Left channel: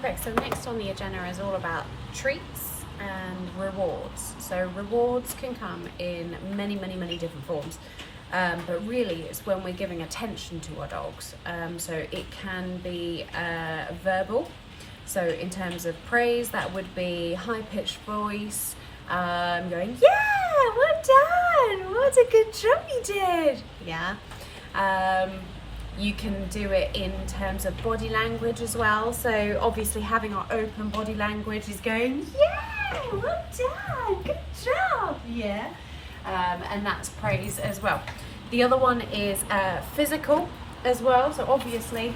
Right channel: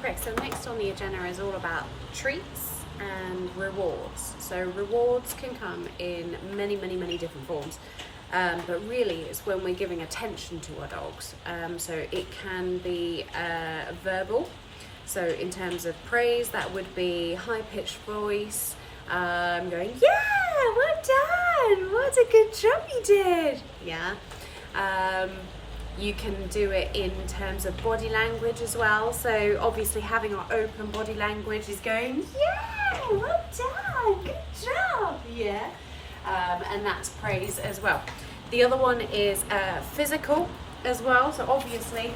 Okay, so next on the agenda is all about treats and rewards. So rewards can come in many different forms, but really it's when we're giving attention to our dogs. So it can be verbal. So in terms of praise, that would be high-pitched voice, going, yeah, well done, what a good job you did. Yeah. You can do it in terms of body language as well. So obviously having our open body language is going, yeah, well done, good job, yeah. And that's praise as well. The other one is physical as well. So obviously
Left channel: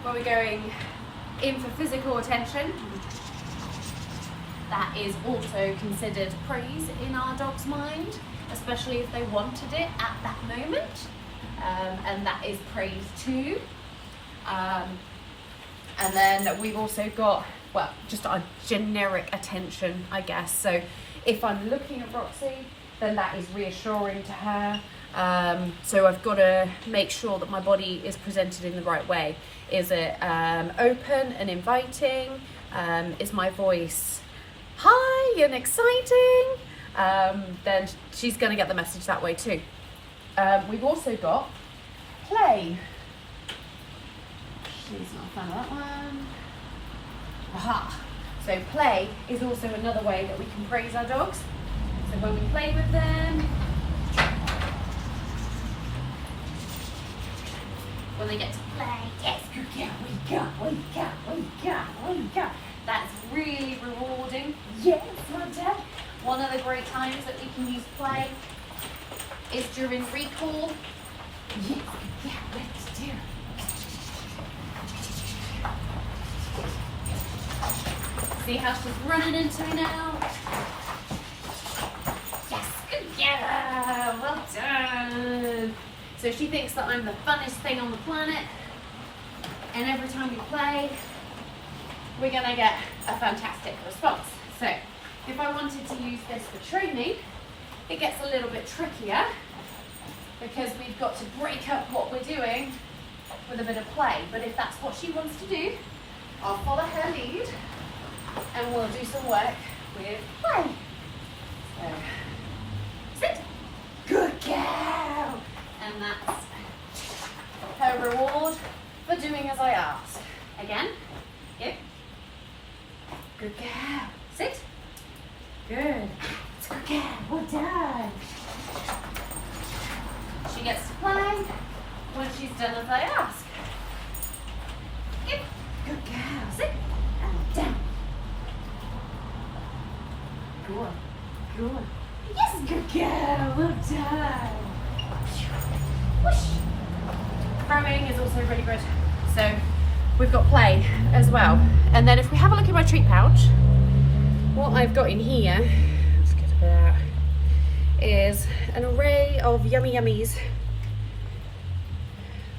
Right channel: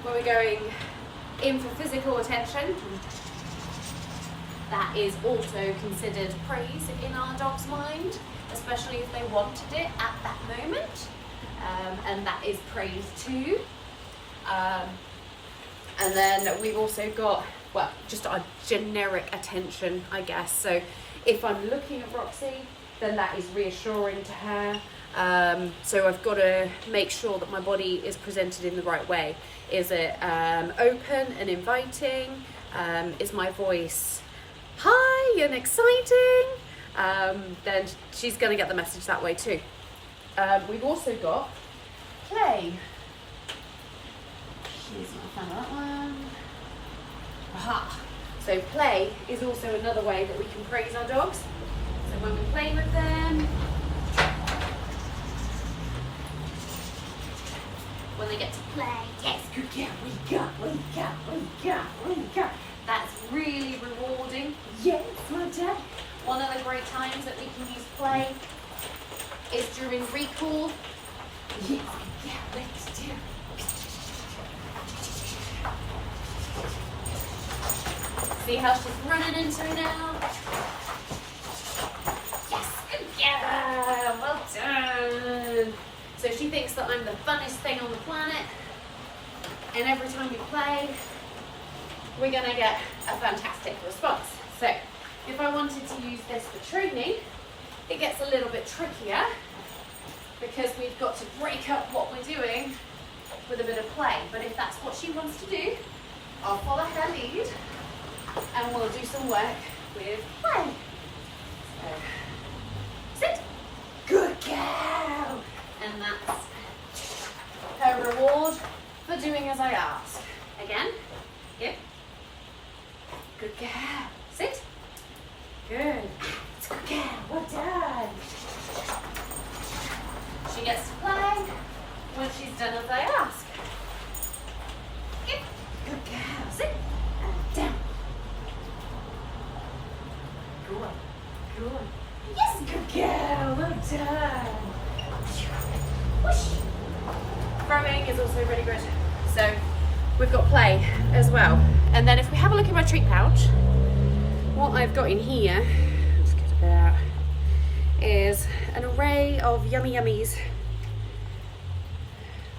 when we're going in for physical attention, that is also considered praise in our dog's mind, especially if they wanted it at that moment. And that is praise too. And then we've also got, well, just our generic attention, I guess. So if I'm looking at Roxy, then that is reassuring to her. So I've got to make sure that my body is presented in the right way. Is it open and inviting? Is my voice high and exciting? Then she's going to get the message that way too. We've also got play. She's not found that one. Aha. So play is also another way that we can praise our dogs. So when we play with them, when they get to play, yes, good girl, we go. That's really rewarding. Yes, well done. One of the great times that we can use play is during recall. Yes, yeah, let's do. See how she's running into me now? Yes, good girl, well done. So she thinks that I'm the funnest thing on the planet, and every time we play, we're gonna get a fantastic response. So if I wanted to use this for training, it gets a little bit trickier because we've got to break up what we're doing with a bit of play. But if that's what she wants to do, I'll follow her lead and we'll do some work with play. So, sit. Good girl. And that's her reward for doing as I ask. Again, give. Good girl. Sit. Good. It's good girl. Well done. She gets to play when she's done as I ask. Good. Good girl. Sit. And down. Good. Good. Yes, good girl. Well done. Whoosh. Throwing is also really good. So we've got play as well. And then if we have a look at my treat pouch, what I've got in here, let's get a bit out, is an array of yummy yummies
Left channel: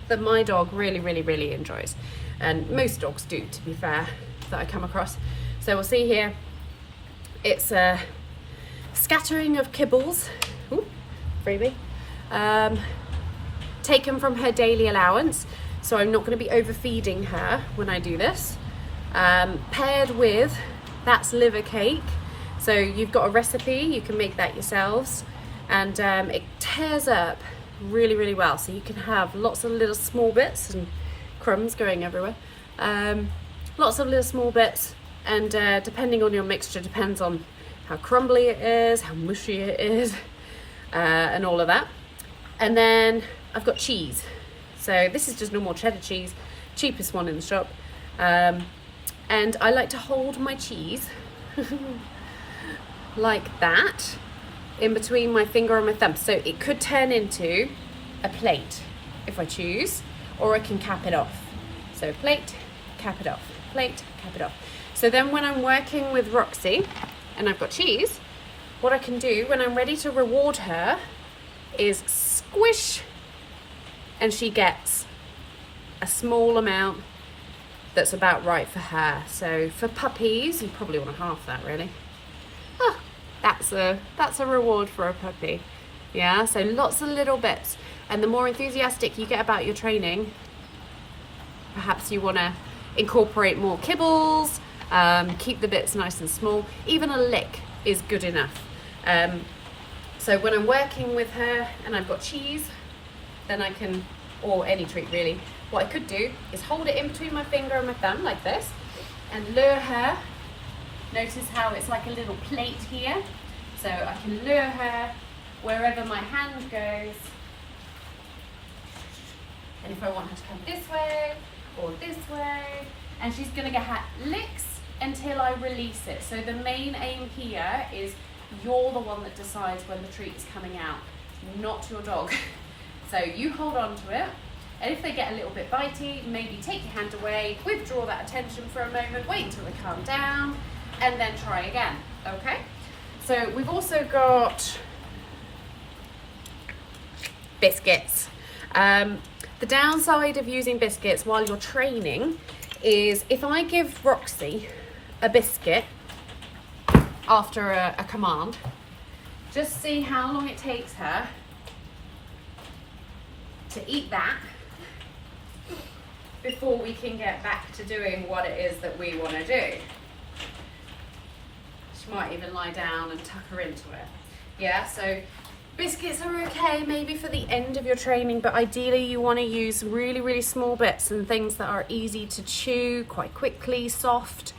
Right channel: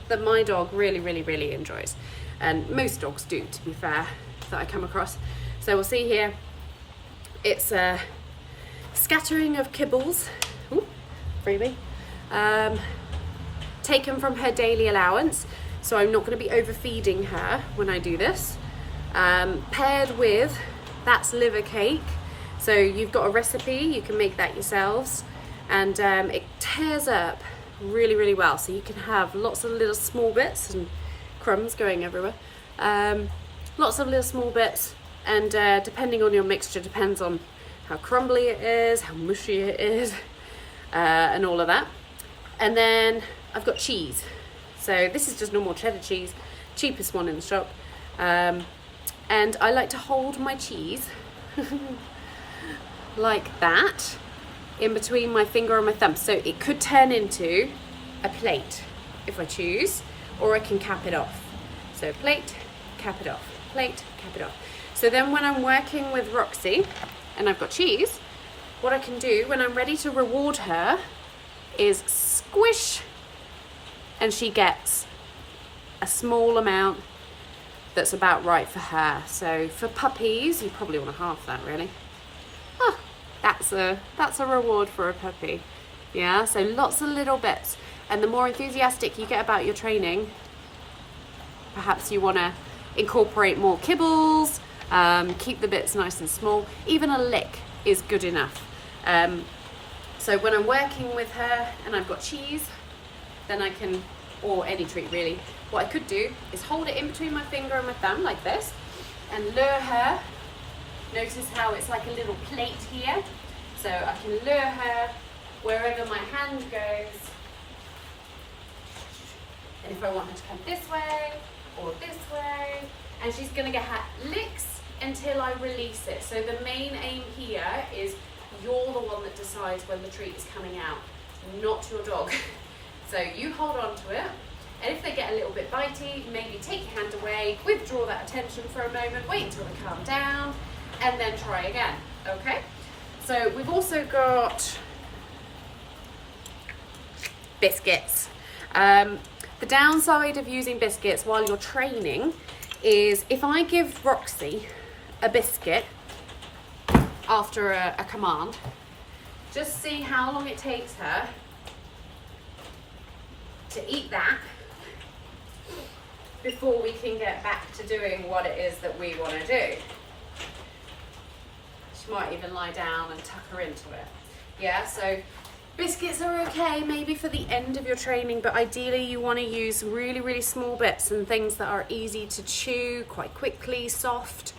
that my dog really enjoys. And most dogs do, to be fair, that I come across. So we'll see here, it's a scattering of kibbles, ooh, freebie, taken from her daily allowance. So I'm not going to be overfeeding her when I do this. Paired with, that's liver cake. So you've got a recipe, you can make that yourselves. And it tears up really well. So you can have lots of little small bits and crumbs going everywhere. Lots of little small bits. And depending on your mixture, depends on how crumbly it is, how mushy it is, and all of that. And then I've got cheese. So this is just normal cheddar cheese, cheapest one in the shop. And I like to hold my cheese like that in between my finger and my thumb. So it could turn into a plate if I choose, or I can cap it off. So plate, cap it off, plate, cap it off. So then when I'm working with Roxy and I've got cheese, what I can do when I'm ready to reward her is squish, and she gets a small amount that's about right for her. So for puppies, you probably want to half that really. Oh, that's a reward for a puppy. Yeah, so lots of little bits. And the more enthusiastic you get about your training, perhaps you want to incorporate more kibbles, keep the bits nice and small. Even a lick is good enough. So when I'm working with her and I've got cheese, then I can, or any treat really, what I could do is hold it in between my finger and my thumb like this and lure her. Notice how it's like a little plate here. So I can lure her wherever my hand goes. And if I want her to come this way or this way, and she's gonna get her licks until I release it. So the main aim here is you're the one that decides when the treat is coming out, not your dog. So you hold on to it, and if they get a little bit bitey, maybe take your hand away, withdraw that attention for a moment, wait until they calm down, and then try again, okay? So we've also got biscuits. The downside of using biscuits while you're training is if I give Roxy a biscuit after a command, just see how long it takes her to eat that before we can get back to doing what it is that we want to do. She might even lie down and tuck her into it. Yeah, so biscuits are okay maybe for the end of your training, but ideally you want to use really, really small bits and things that are easy to chew quite quickly, soft.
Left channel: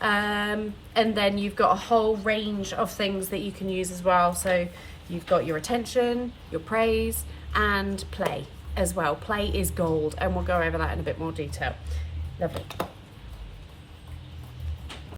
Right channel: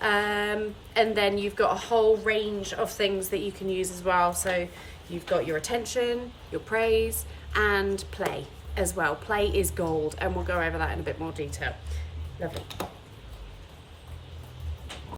And then you've got a whole range of things that you can use as well. So you've got your attention, your praise, and play as well. Play is gold, and we'll go over that in a bit more detail. Lovely.